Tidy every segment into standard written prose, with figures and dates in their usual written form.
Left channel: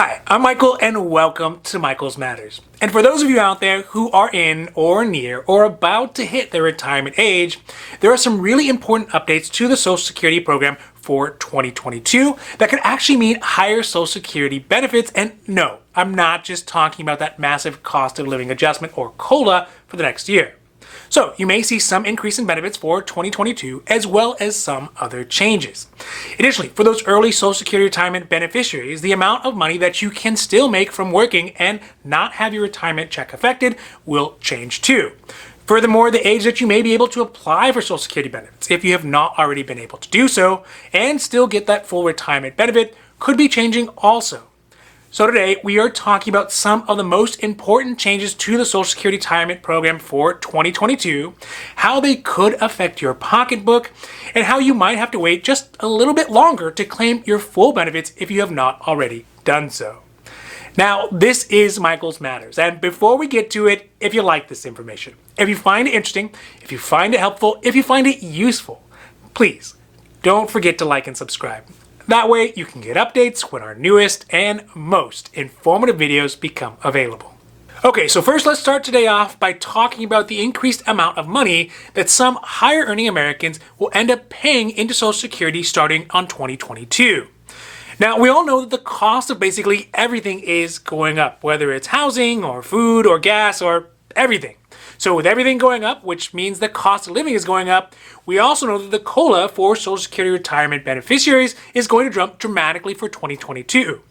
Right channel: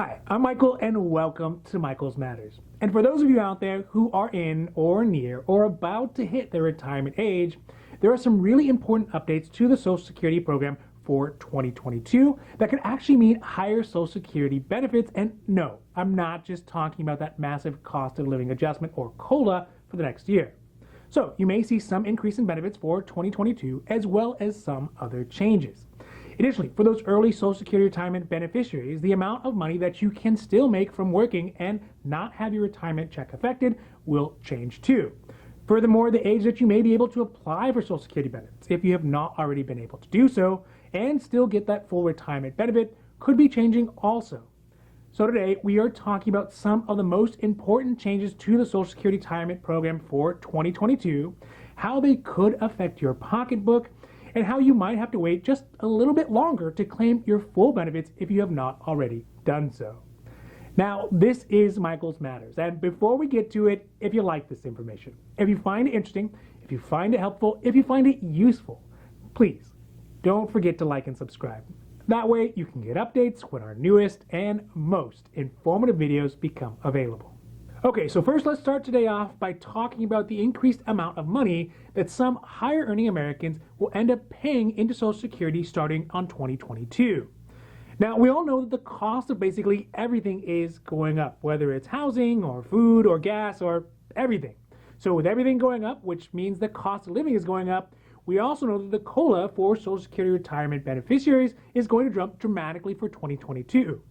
Hi, I'm Michael and welcome to Michael's Matters. And for those of you out there who are in or near or about to hit their retirement age, there are some really important updates to the Social Security program for 2022 that could actually mean higher Social Security benefits. And no, I'm not just talking about that massive cost of living adjustment or COLA for the next year. So you may see some increase in benefits for 2022 as well as some other changes. Additionally, for those early Social Security retirement beneficiaries, the amount of money that you can still make from working and not have your retirement check affected will change too. Furthermore, the age that you may be able to apply for Social Security benefits, if you have not already been able to do so, and still get that full retirement benefit, could be changing also. So today, we are talking about some of the most important changes to the Social Security Retirement Program for 2022, how they could affect your pocketbook, and how you might have to wait just a little bit longer to claim your full benefits if you have not already done so. Now, this is Michael's Matters, and before we get to it, if you like this information, if you find it interesting, if you find it helpful, if you find it useful, please don't forget to like and subscribe. That way you can get updates when our newest and most informative videos become available. Okay, so first let's start today off by talking about the increased amount of money that some higher earning Americans will end up paying into Social Security starting on 2022. Now, we all know that the cost of basically everything is going up, whether it's housing or food or gas or everything. So with everything going up, which means the cost of living is going up, we also know that the COLA for Social Security retirement beneficiaries is going to jump dramatically for 2022.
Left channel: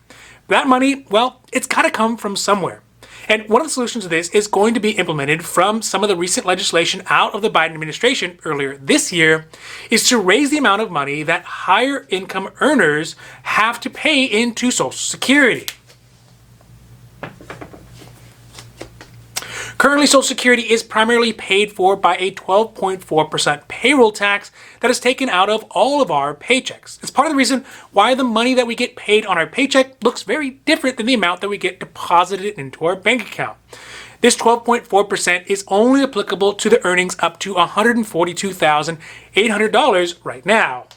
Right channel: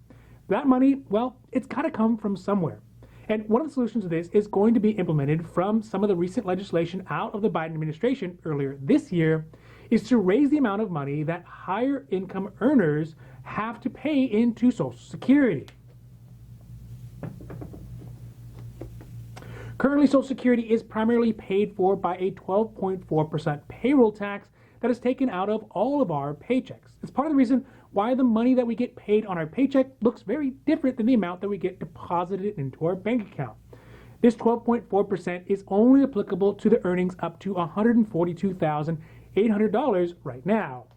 That money, well, it's got to come from somewhere. And one of the solutions to this is going to be implemented from some of the recent legislation out of the Biden administration earlier this year, is to raise the amount of money that higher income earners have to pay into Social Security. Currently, Social Security is primarily paid for by a 12.4% payroll tax that is taken out of all of our paychecks. It's part of the reason why the money that we get paid on our paycheck looks very different than the amount that we get deposited into our bank account. This 12.4% is only applicable to the earnings up to $142,800 right now.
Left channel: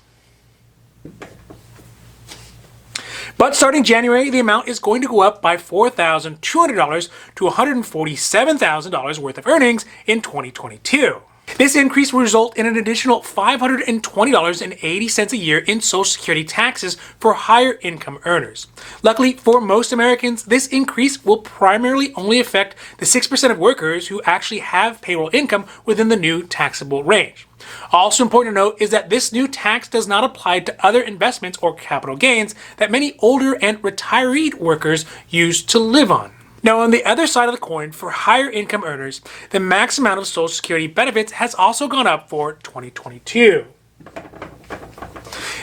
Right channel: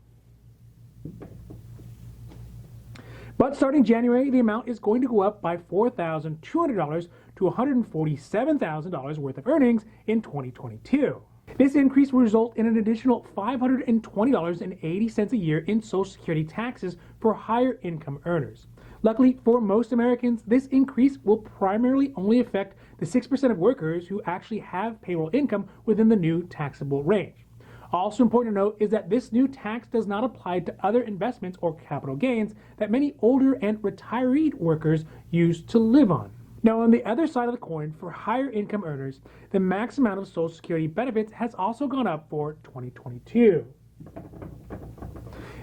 But starting January, the amount is going to go up by $4,200 to $147,000 worth of earnings in 2022. This increase will result in an additional $520.80 a year in Social Security taxes for higher income earners. Luckily, for most Americans, this increase will primarily only affect the 6% of workers who actually have payroll income within the new taxable range. Also important to note is that this new tax does not apply to other investments or capital gains that many older and retiree workers use to live on. Now, on the other side of the coin, for higher income earners, the max amount of Social Security benefits has also gone up for 2022.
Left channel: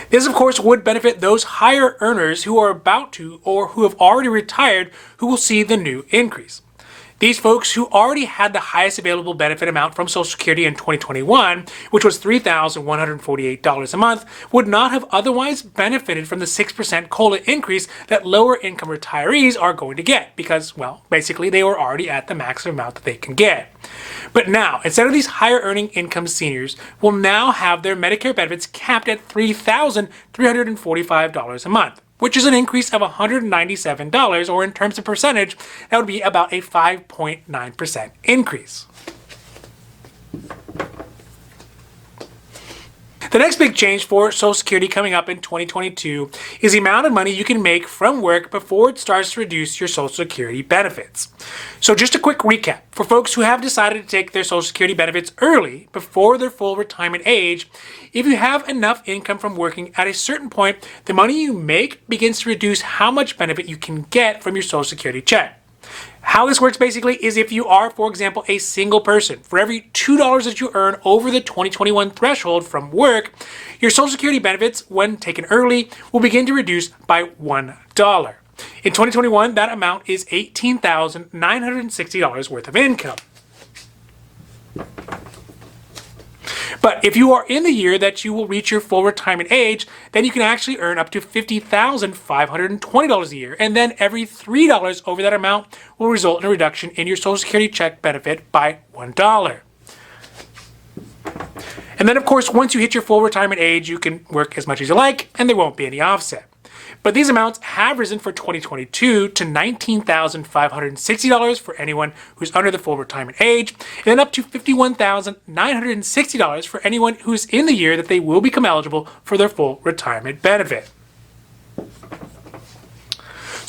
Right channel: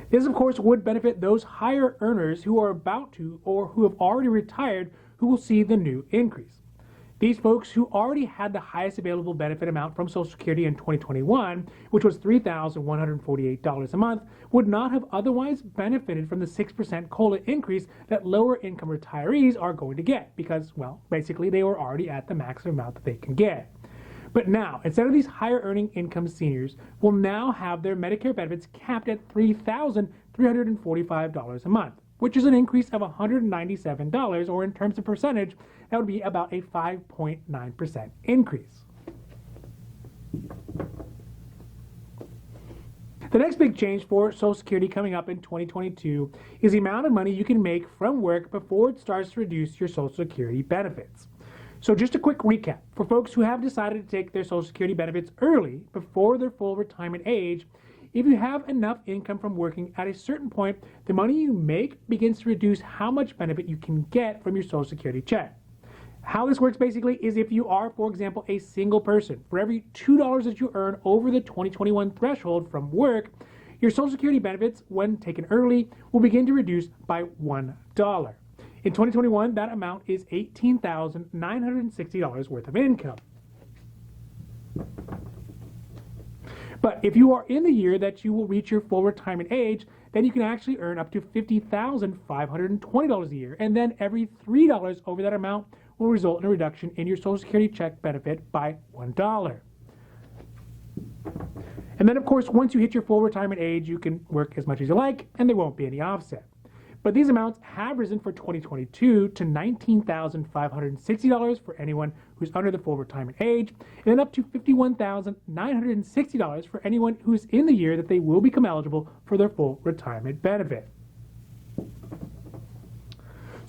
This, of course, would benefit those higher earners who are about to or who have already retired who will see the new increase. These folks who already had the highest available benefit amount from Social Security in 2021, which was $3,148 a month, would not have otherwise benefited from the 6% COLA increase that lower income retirees are going to get because, well, basically they were already at the maximum amount that they can get. But now, instead of these higher earning income seniors will now have their Medicare benefits capped at $3,345 a month, which is an increase of $197, or in terms of percentage, that would be about a 5.9% increase. The next big change for Social Security coming up in 2022 is the amount of money you can make from work before it starts to reduce your Social Security benefits. So just a quick recap. For folks who have decided to take their Social Security benefits early, before their full retirement age, if you have enough income from working at a certain point, the money you make begins to reduce how much benefit you can get from your Social Security check. How this works basically is if you are, for example, a single person, for every $2 that you earn over the 2021 threshold from work, your Social Security benefits, when taken early, will begin to reduce by $1. In 2021, that amount is $18,960 worth of income. But if you are in the year that you will reach your full retirement age, then you can actually earn up to $50,520 a year. And then every $3 over that amount will result in a reduction in your Social Security check benefit by $1. And then, of course, once you hit your full retirement age, you can work as much as you like, and there won't be any offset. But these amounts have risen for 2022 to $19,560 for anyone who's under the full retirement age, and then up to $51,960 for anyone who's in the year that they will become eligible for their full retirement benefit.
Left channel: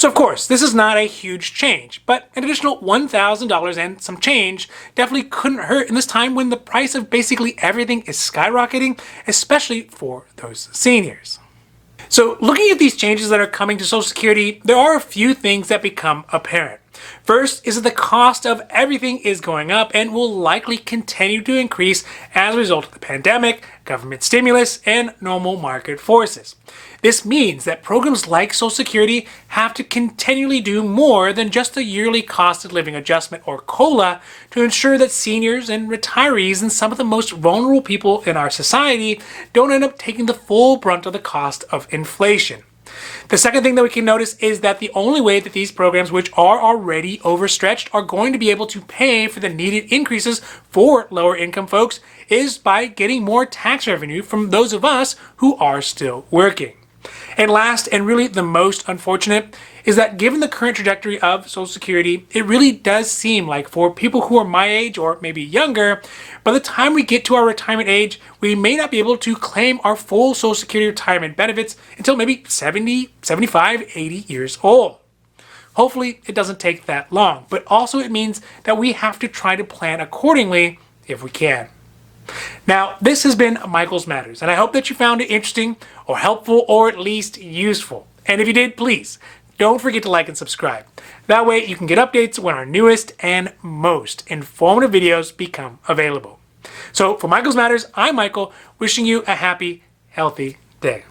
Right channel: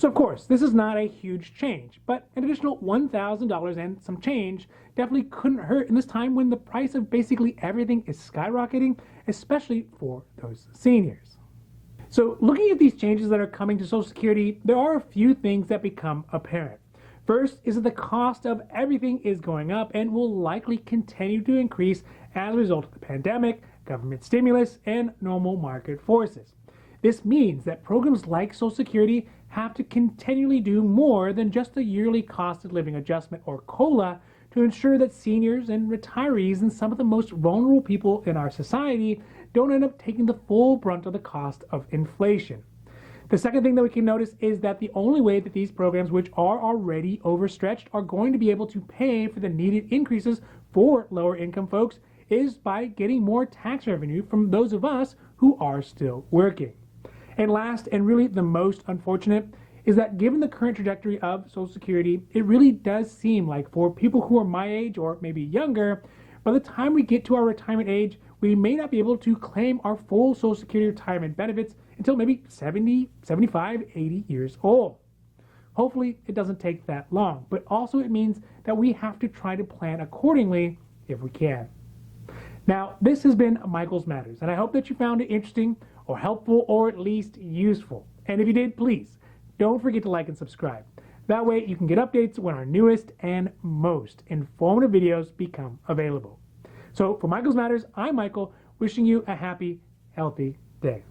So of course, this is not a huge change, but an additional $1,000 and some change definitely couldn't hurt in this time when the price of basically everything is skyrocketing, especially for those seniors. So looking at these changes that are coming to Social Security, there are a few things that become apparent. First is that the cost of everything is going up and will likely continue to increase as a result of the pandemic, government stimulus, and normal market forces. This means that programs like Social Security have to continually do more than just a yearly cost of living adjustment or COLA to ensure that seniors and retirees and some of the most vulnerable people in our society don't end up taking the full brunt of the cost of inflation. The second thing that we can notice is that the only way that these programs, which are already overstretched, are going to be able to pay for the needed increases for lower income folks is by getting more tax revenue from those of us who are still working. And last, and really the most unfortunate, is that given the current trajectory of Social Security, it really does seem like for people who are my age or maybe younger, by the time we get to our retirement age, we may not be able to claim our full Social Security retirement benefits until maybe 70, 75, 80 years old. Hopefully, it doesn't take that long, but also it means that we have to try to plan accordingly if we can. Now, this has been Michael's Matters, and I hope that you found it interesting or helpful or at least useful. And if you did, please don't forget to like and subscribe. That way you can get updates when our newest and most informative videos become available. So for Michael's Matters, I'm Michael, wishing you a happy, healthy day.